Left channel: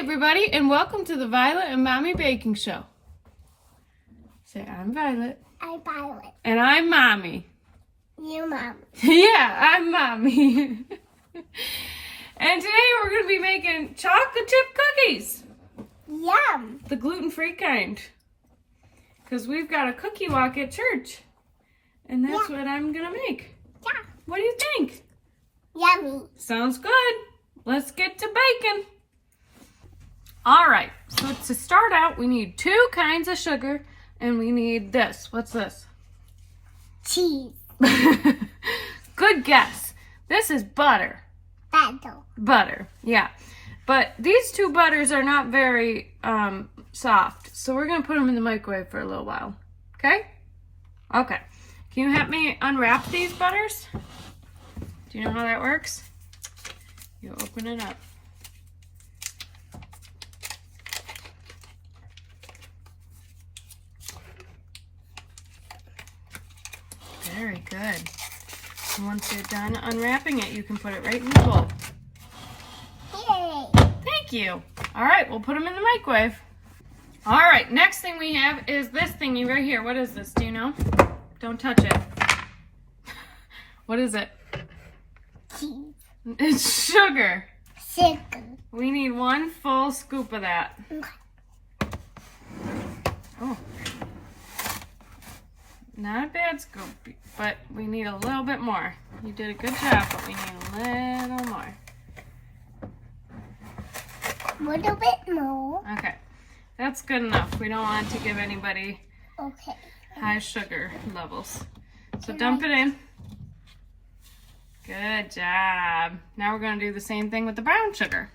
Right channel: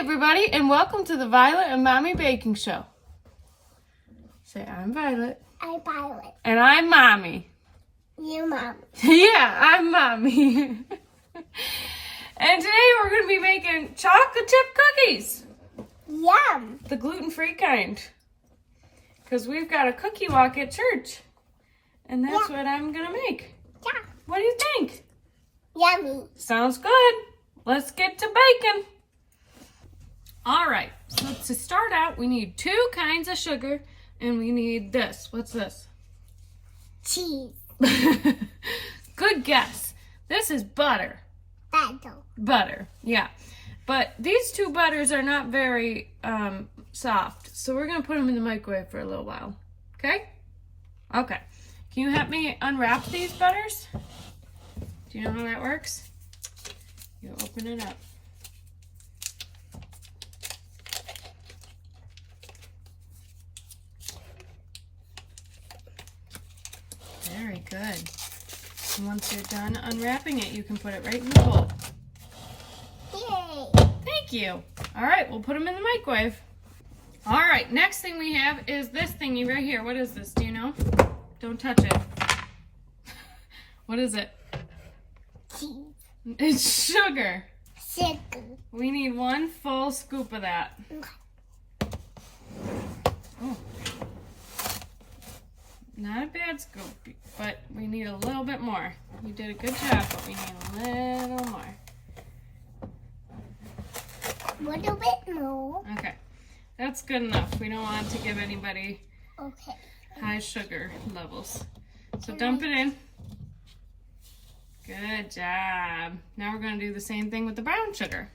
everybody, and welcome to the Violet and Mommy Baking Show. Say, I'm Violet. I'm Violet. And I'm Mommy. You're Mommy. Yeah, I'm Mommy. And today we're going to be making chocolate chip cookies. Yum. The gluten-free kind. Because we've got a cookie walk at church. And that's what I'm going to make. Yeah. What do you think? Yummy. Sounds good. Let's get to baking. All right, so to start out, we need 2 kinds of sugar, and we need this. What's this? Cheese. Good guess. This is butter. Battle. Butter, yeah. But these 2 butters are not very soft, so we're going to put them in the microwave for a little while. Okay? Okay. Can you help me unwrap these butters? Do you know how that works? You open it up. Very good. And once you're done unwrapping it, you can put it right in the bowl. Yay. Thank you. All right, we'll put them in the microwave. All right, next thing we have is this thingy right here. What is this? Do you know? Don't touch it. What is it? Cheese. It's sugar. Sugar. We need 1 full scoop of that. Oh. Not a bad scoop, but we need a little bit more. You did a good job, but we need a little more. A little bit more. Okay, that's good enough. We don't want to give anybody Okay. high sugar levels. So dump it in. Good job. Now we're going to do the same thing with the brown sugar.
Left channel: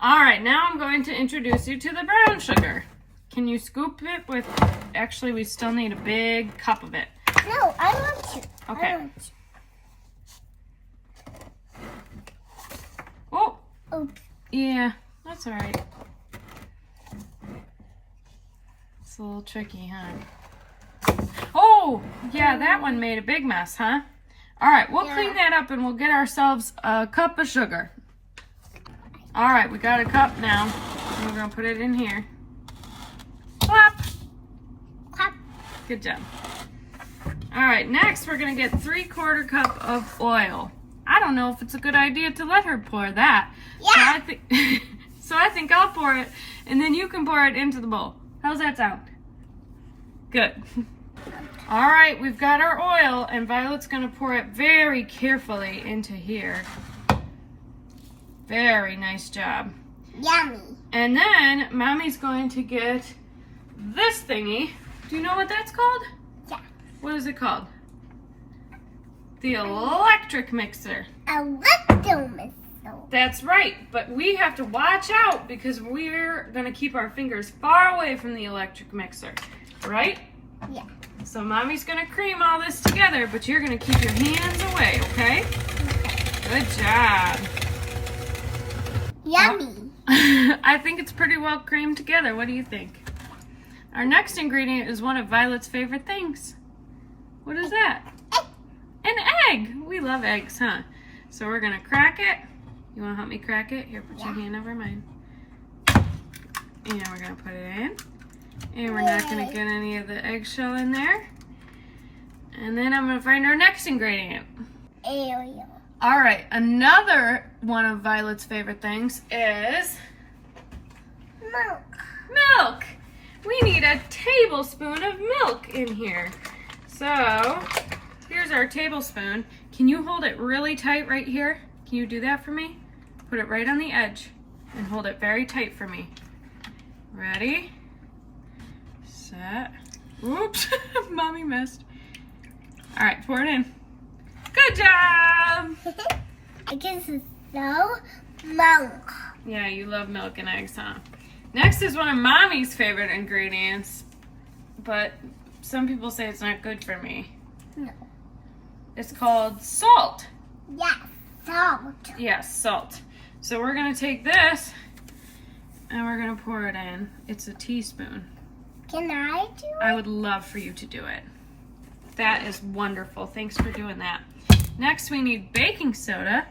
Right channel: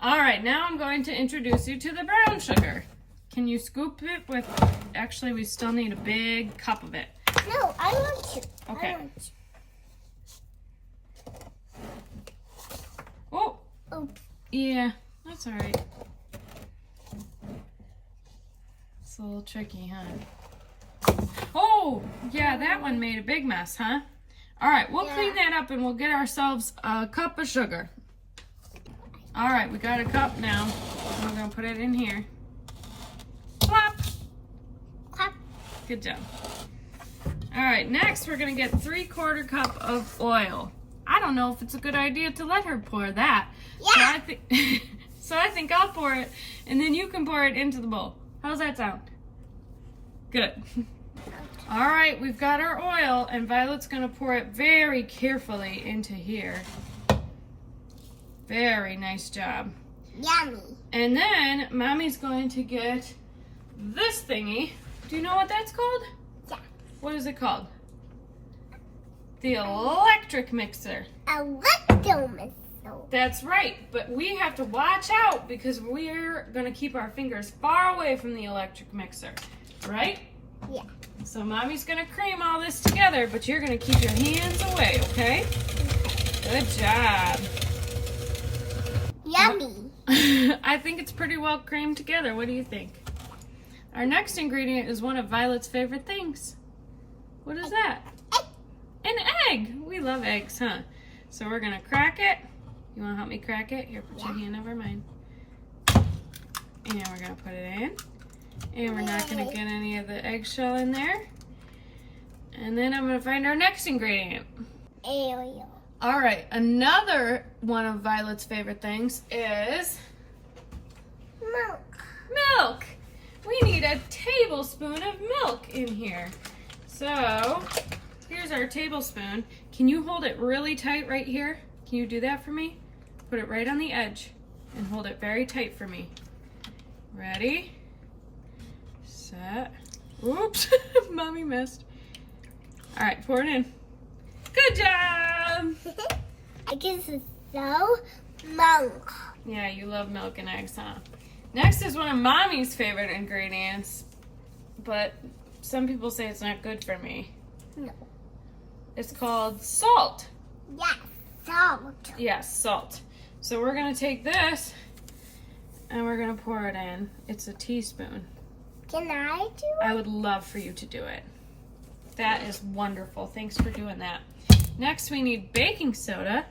All right, now I'm going to introduce you to the brown sugar. Can you scoop it with, actually we still need a big cup of it. No, I want to. Okay. I want to. Oh, Oh, yeah, that's all right. It's a little tricky, huh? Oh, yeah, that one made a big mess, huh? All right, we'll clean that up and we'll get ourselves a cup of sugar. All right, we got a cup now. And we're gonna put it in here. Plop. clap. Good job. All right, next we're gonna get 3/4 cup of oil. I don't know if it's a good idea to let her pour that. Yeah. So I think I'll pour it, and then you can pour it into the bowl. How's that sound? Good. All right, we've got our oil, and Violet's gonna pour it very carefully into here. Very nice job. Yummy. And then Mommy's going to get this thingy. Do you know what that's called? Yeah. What is it called? The electric mixer. Electromissile. That's right, but we have to watch out because we're gonna keep our fingers far away from the electric mixer, right? Yeah. So Mommy's gonna cream all this together, but you're gonna keep your hands away, okay? Good job. Yummy. I think it's pretty well creamed together. What do you think? Our next ingredient is one of Violet's favorite things. What is that? An egg. We love eggs, huh? So we're gonna crack it. You wanna help me crack it? Here, put your hand over mine. And we're gonna put it in. And we're not gonna get any of the eggshell in there. And then I'm gonna find our next ingredient. Ariel. All right, another one of Violet's favorite things is Milk. milk. We need a tablespoon of milk in here. So here's our tablespoon. Can you hold it really tight right here? Can you do that for me? Put it right on the edge and hold it very tight for me. Ready? Set. Oops, Mommy missed. All right, pour it in. Good job. I guess it's so milk. Yeah, you love milk and eggs, huh? Next is one of Mommy's favorite ingredients, but some people say it's not good for me. No. It's called salt. Yes, salt. Yes, salt. So we're gonna take this and we're gonna pour it in. It's a teaspoon. Can I do it? I would love for you to do it. That is wonderful. Thanks for doing that. Next, we need baking soda,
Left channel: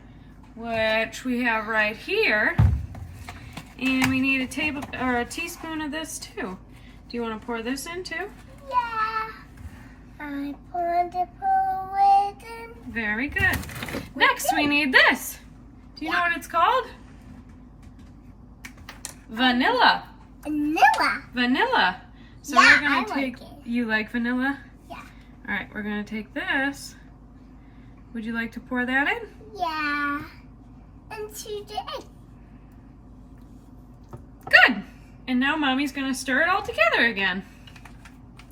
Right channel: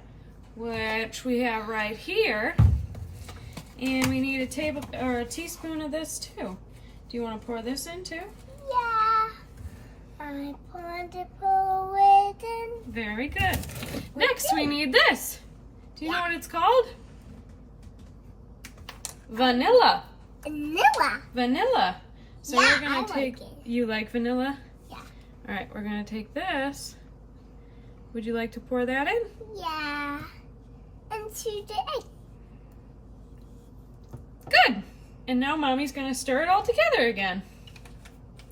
which we have right here. And we need a teaspoon of this too. Do you want to pour this in too? Yeah. I want to pour it in. Very good. Next, we need this. Do you know what it's called? Vanilla. Vanilla. Vanilla. So Yeah, we're gonna I take. like it. You like vanilla? Yeah. All right, we're gonna take this. Would you like to pour that in? Yeah. And to the egg. Good. And now Mommy's gonna stir it all together again.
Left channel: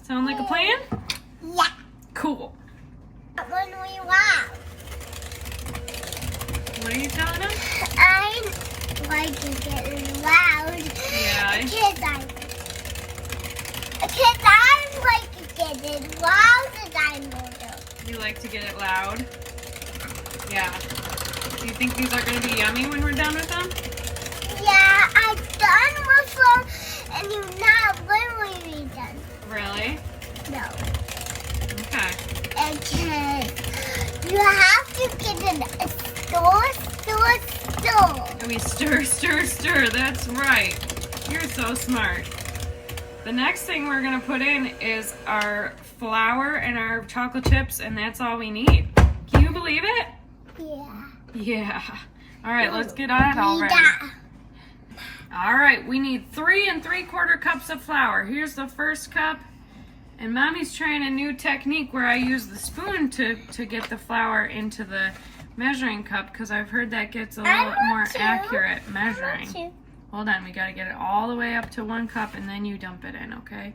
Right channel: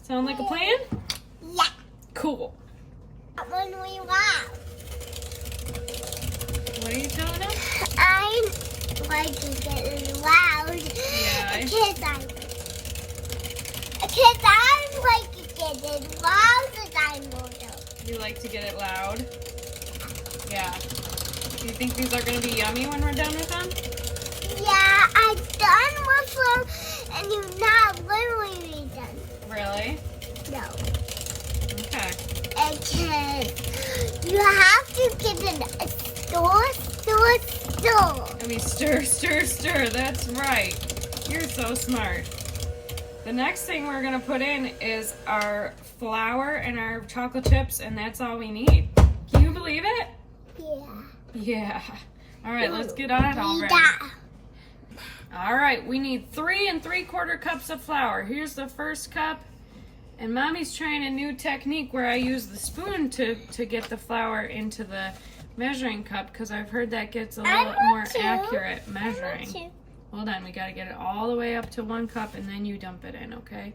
Sound like a plan? Yeah. Cool. When we want. What are you telling us? I like to get it loud. Yeah. Because I like to get it loud as I know. You like to get it loud? Yeah. Do you think these are gonna be yummy when we're done with them? Yeah, I'm done with them, and you're not literally done. Really? No. Okay. Because you have to get it a store. And we stir. That's right. You're so smart. The next thing we're gonna put in is our flour and our chocolate chips, and that's all we need. Can you believe it? Yeah. Yeah. All right, let's get on it already. Yeah. All right, we need 3 3/4 cups of flour. Here's the first cup. And Mommy's trying a new technique where I use the spoon to get the flour into the measuring cup because I've heard that gets a little more accurate measuring. Hold on, we got to get it all the way up to 1 cup and then you dump it in, okay?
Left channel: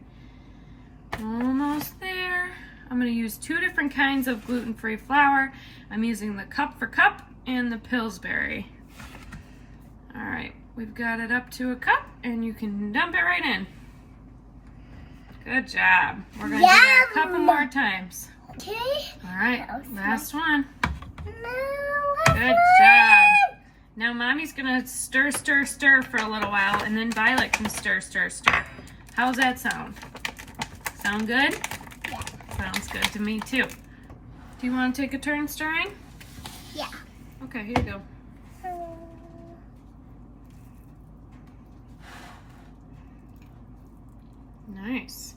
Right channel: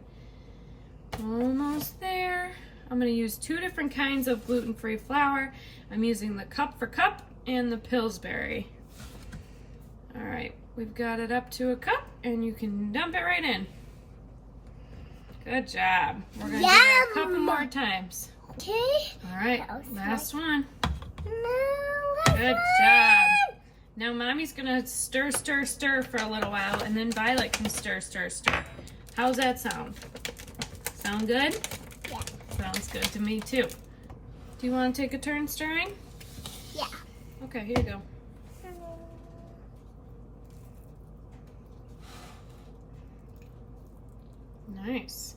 Almost there. I'm going to use 2 different kinds of gluten-free flour. I'm using the cup for cup and the Pillsbury. All right, we've got it up to 1 cup and you can dump it right in. Good job. We're going to do that a couple more times. Okay. All right, last one. No, Good job. Now Mommy's gonna stir for a little while, and then Violet can stir. How's that sound? Sound good? Yeah. Sounds good to me too. Do you want to take a turn stirring? Yeah. Okay, here you go. Nice.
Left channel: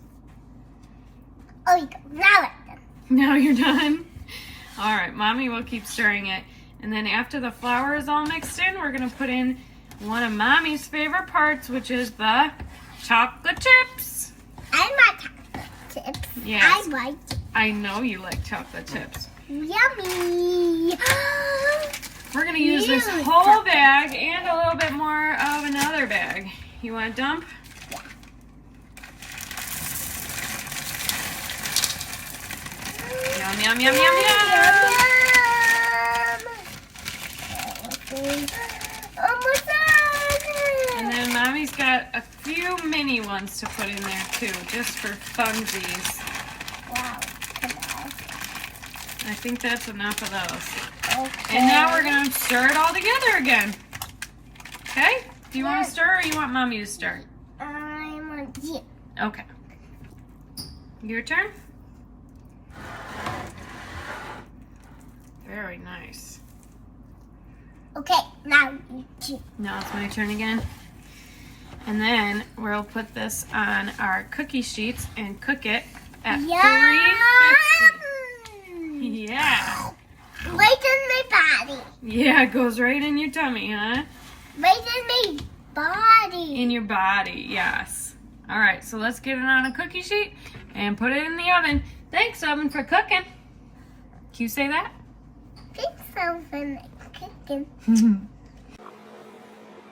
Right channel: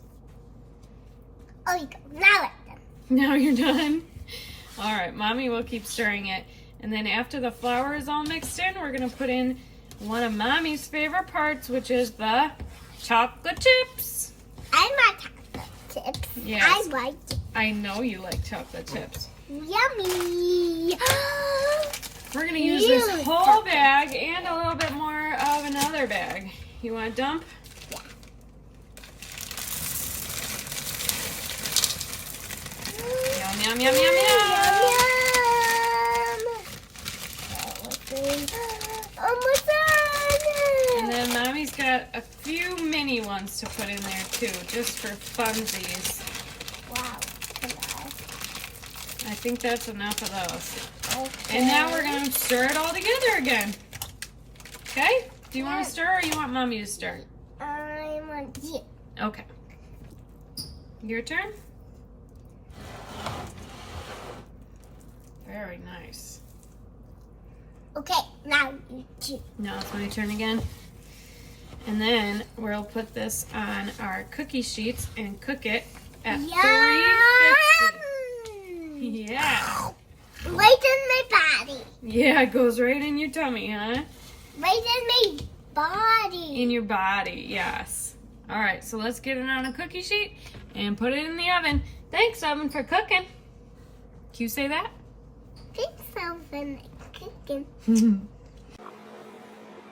Oh, you go. Now it's done. Now you're done. All right, Mommy will keep stirring it. And then after the flour is all mixed in, we're gonna put in one of Mommy's favorite parts, which is the chocolate chips. I like chocolate chips. Yes. I like it. I know you like chocolate chips. Yummy. We're gonna use this whole bag and a little bit more of another bag. You wanna dump? Yeah. Yum, yum, yum, yum, yum. Almost done. And then Mommy's got a few mini ones to put in there too, just for funsies. Wow. I think that's enough of those. Okay. And now we're gonna stir it all together again. Okay? Do you want to stir or you want Mommy to stir? I want you. Okay. Your turn? Very nice. Okay, now you two. Now it's my turn again. And then we'll put this on our cookie sheets and cook it at 350. Yeah. Right in my body. Yeah, it goes right in your tummy, huh? Right in my body. In your body, yes. All right, so let's get it on a cookie sheet and put it in the oven. Thanks, oven, for cooking. Can you say that? Think something like cooking.